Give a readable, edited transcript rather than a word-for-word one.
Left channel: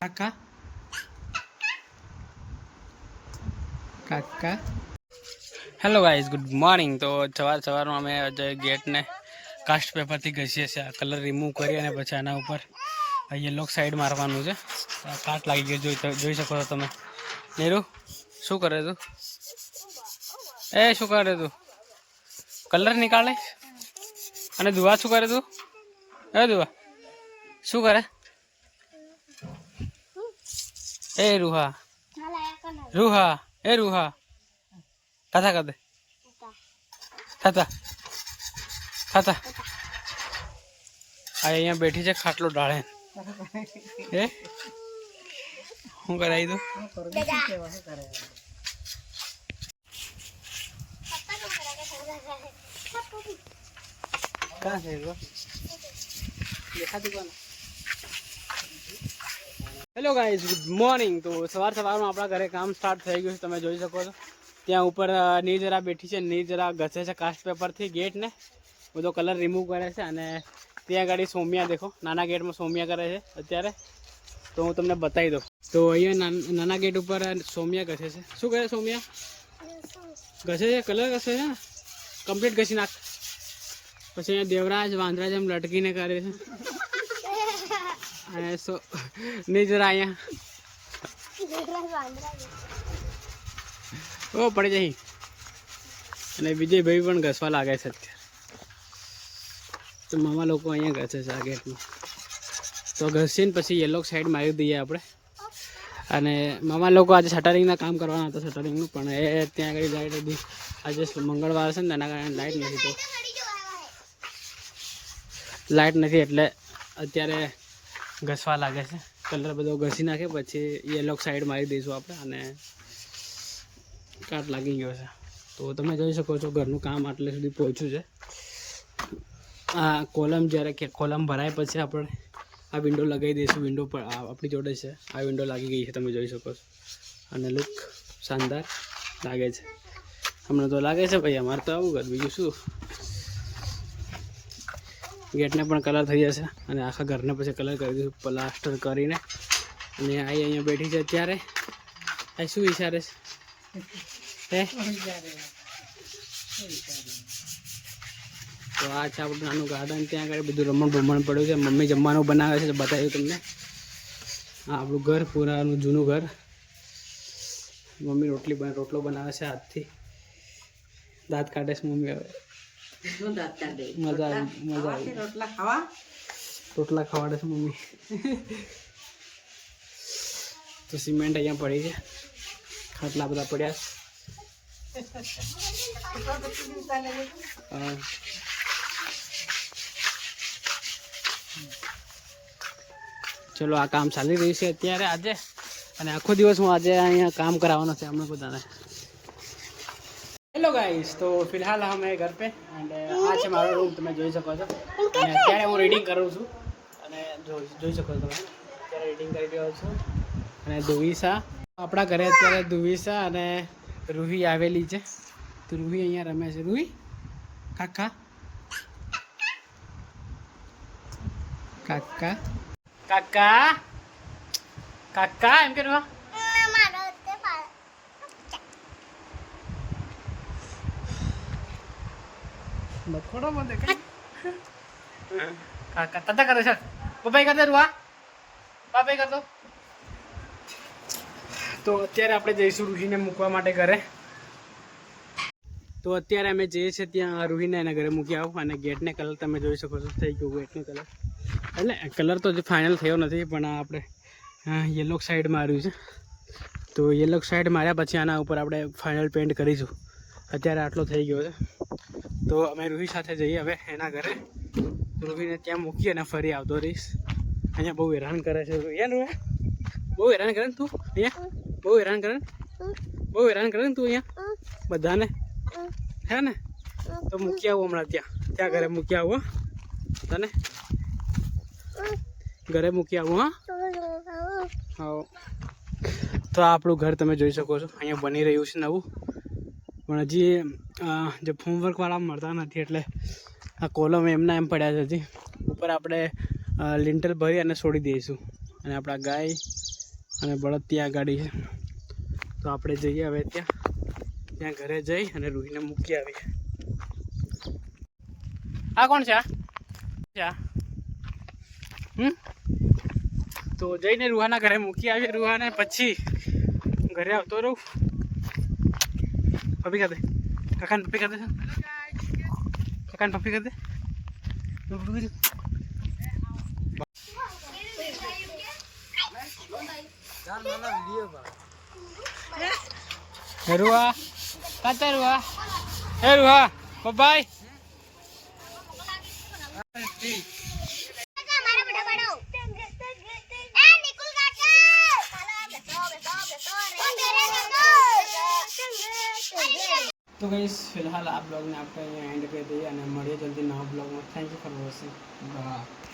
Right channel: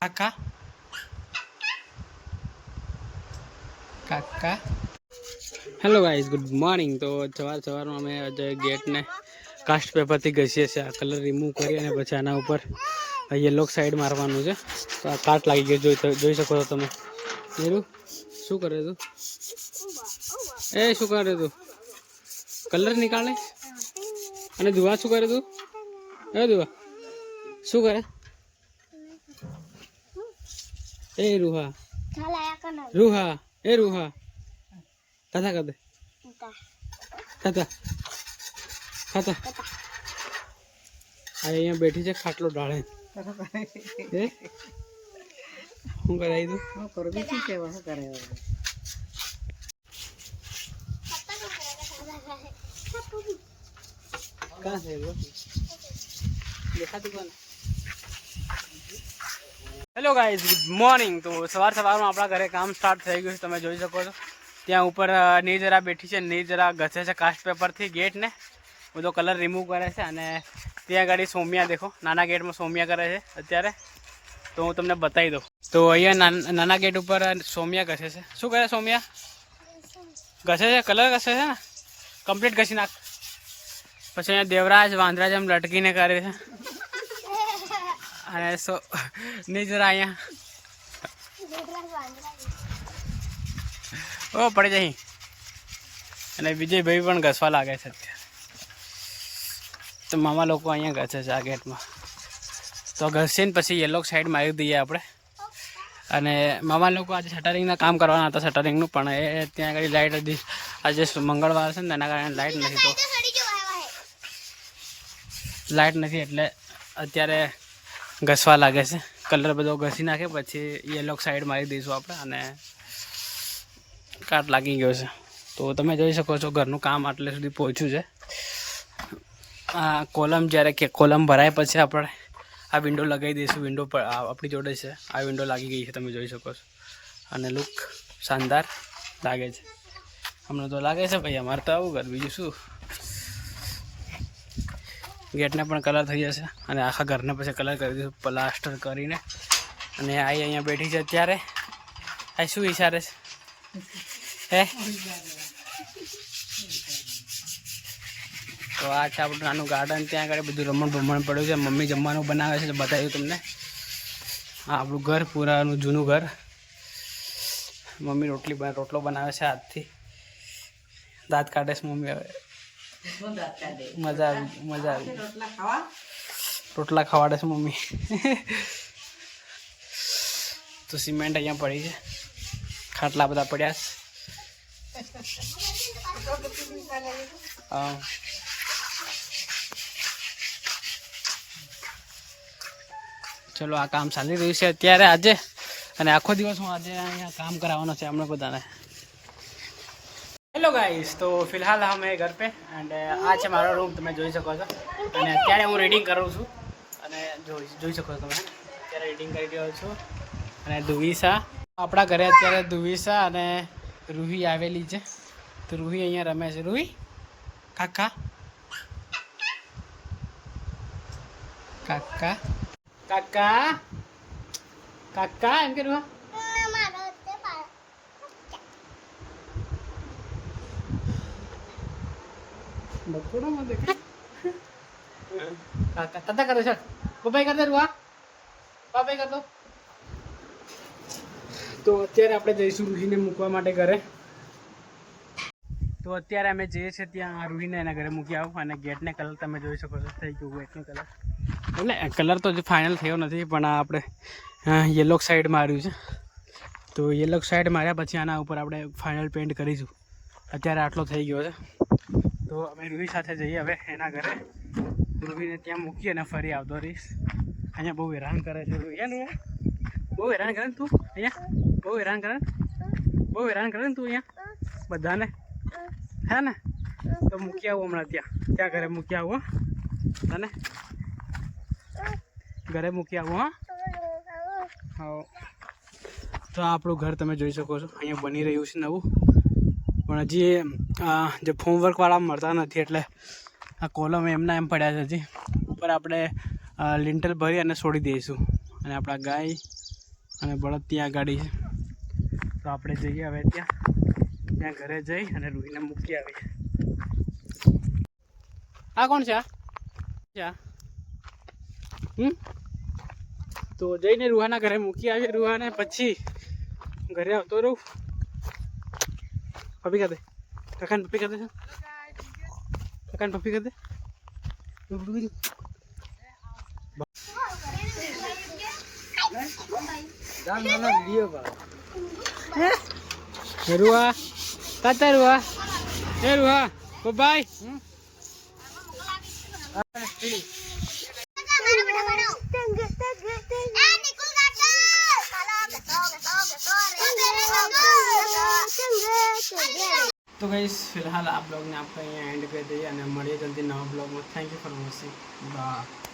કાકા કાકા hello guys, good morning. તો સવારમાં અમે ગેટને કાસ્ટ પેપરથી ઘસીએ છીએ. આ કલર રિમૂવ કરી અને પછી આના ઉપર યલો સાઈડ મારવાનું છે. તો આ કાટ લાગી ગઈ, જોઈ શકો છો તમે. નીરુ શું કરે તું? શું કરે તું? કલર નીકાળે? અને દુઆ શું કરે તું? દુઆ શું કરે? રૂહા રૂહા રૂહા કથા કદે થતા થતા અહીંયા બેઠી છે ખાટલો ડાળે. શું કરાવી દઉં? Hello guys, good morning. તો સવારમાં આપણા ઘરે કામ સ્ટાર્ટ થઈ ગયું છે. તમે જોઈ શકો છો ત્યાં ઉપર નિર્જરા બેઠી છે. નિર્જરા ઘસે છે કાસ્ટ પેપરથી ગેટને, બધો કલર રિમૂવ કરે છે. અને ત્યાં આગળ સોમિયા દેખો, નાના ગેટમાં સોમિયા કરે છે અત્યારે. તો હું તમને બતાવી દઉં. તો અહીંયા નાના ગેટ ઉપર સોમિયા ઘસે છે. શું કરે સોમિયા? ઘસે છે, કલર ઘસે છે ને, કમ્પ્લીટ ઘસી નાખ. પછી અહીંયા દેવરાજ વાંદરાજ એમ લટકીને કરે છે. અને નિર્જરા અહીંયા પડી જાય. અને વિજયભાઈ પણ ઘસવા લાગે છે અત્યારે. તો મામા લોકો અહીંયા ઘસે છે આ ગેટમાં. તો ઘસીને પછી યલો સાઈડ મારી દઈએ આપણે. અને મામા લોકો આજે શટરિંગના કામ કરવાના હતા, શટરિંગનું, પણ એ ત્યાં આગળ લાઇટ હતી. આજે મંગળવાર છે ને એના કારણે લાઇટ નથી. તો લાઇટ નથી એટલે અત્યારે ઘસવા લાગે છે. કલર બધો ઘસી નાખે પછી યલો સાઈડ મારી દઈશું આપણે. અને કાટ લાગી ગયો છે. તો તમે જોઈ શકો છો ઘરનું કામ આટલે સુધી પહોંચ્યું છે. આ કોલમ જ્યારે કે કોલમ ભરાય પછી આપણે આ વિન્ડો લગાવી દઈશું. વિન્ડો પર આપણી જોડે છે, આ વિન્ડો લાગી ગઈ છે, તમે જોઈ શકો છો. અને લુક શાનદાર લાગે છે. હમણાં તો લાગે છે ભાઈ અમારે તો આવું ઘર, બીજું શું. ગેટને પણ કલર થઈ જશે અને આખા ઘરને પછી કલર કરી દઈશું પ્લાસ્ટર કરીને. અને અહીંયા બેઠી છે અત્યારે. આ શું વિચારે છે? તો આ છે આપણું નાનું ગાર્ડન. ત્યાં આગળ બધું રમણ પડ્યું છે. મમ્મી જમવાનું બનાવે છે, બતાવ્યું તમને. આ આપણું ઘર, પૂરાનું જૂનું ઘર. મમ્મી રોટલો બનાવે છે હાથથી. દાંત કાઢે છે મમ્મી. હવે મજા આવી. રોટલા ખવાડે છે મમ્મી. તો સિમેન્ટ અહીંયા પડી છે, ખાટલા બધા પડ્યા છે. ચલો, આ કામ ચાલી રહ્યું છે અત્યારે આજે. અને આખો દિવસ હું આજે અહીંયા કામ કરાવવાનો છે અમને બધાને. હેલો ગાઈસ, તો ફિલહાલ અમે ઘર પે. એન્ડ આ છે મારો રૂમ, તમે જોઈ શકો છો. અને અત્યારે હું રીડિંગ કરું છું. અને જોઈ શકો છો તમે, અત્યારે રીડિંગ કરી રહ્યો છું. અને દુવિસા આપણા ઘરે અત્યારે દુવિસા અને રૂહી આવેલી છે. તો રૂહી અહીંયા રમે છે. રૂહી કાકા કાકા કાકા કાકા એમ કે રૂહા બકોડો માં દેખાય. કાકા તતા કરે છે. બાય કર દે રૂહા, બાય કર દો. તો અત્યારે આપણે જઈશું રૂહીને મૂકવા માટે ઘરે. તો અત્યારે અમે જઈએ છીએ ત્યાં રૂહીને એના ઘરે મૂકી આવું. અને ગેટને કલર તમે જોઈ શકો છો, થઈ ગયું ગેટને કલર. એટલે કલર તો હજી ફાઇનલ થયો નથી, પણ આપણે યલો સાઈડ માર્યું છે. તો યલો સાઈડ માર્યા પછી આના ઉપર આપણે ફાઇનલ પેન્ટ કરીશું. અત્યારે આટલો થઈ ગયો છે. તો અમે રૂહી સાથે જઈએ હવે એના ઘરે. રૂહીને ત્યાં મૂકી અને ફરી આવતો રહીશ. અહીંયા બહુ હેરાન કરે છે રૂહી. બહુ હેરાન કરે ને તું અહીંયા? બહુ હેરાન કરે ને તું અહીંયા બધાને, હે ને? તો મૂકી આવું હમણાં ત્યાં ઘરે મૂકી આવું. તને ઘરે મૂકી આવું. હા. તો આ આપણું ઘર તમે જોઈ શકો છો, અહીંયા બની રહ્યું છે નવું. પણ હજી જે હોમવર્કવાળા મળતા નથી એટલે આ કોલમ એમના એમ પડ્યા છે. હજી ઉપર આપણે લિન્ટલ ભરી અને છોડી દઈશું. અને આપણા ગાય અને બળદ ત્યાં ગાડી છે. તો આપણે જઈએ હવે ત્યાં ઘરે જઈ અને રૂહીને મૂકી આવીએ. આ કોણ છે? તો જઈને રૂહાના ઘરે મૂકી આવીએ રૂહાને, પછી ઘરે આવતો રહું. પપ્પી કરી દે, કાકાને પપ્પી કરી દે, કાકાને પપ્પી કરી દે. રૂહા તાતા રૂહા એ રૂહા બાય. तो गाइस फिलहाल आप लोग ने आपका यहाँ एंड कर दिया, મળીએ જલ્દી નવા બ્લોગમાં. Thank you for watching. By.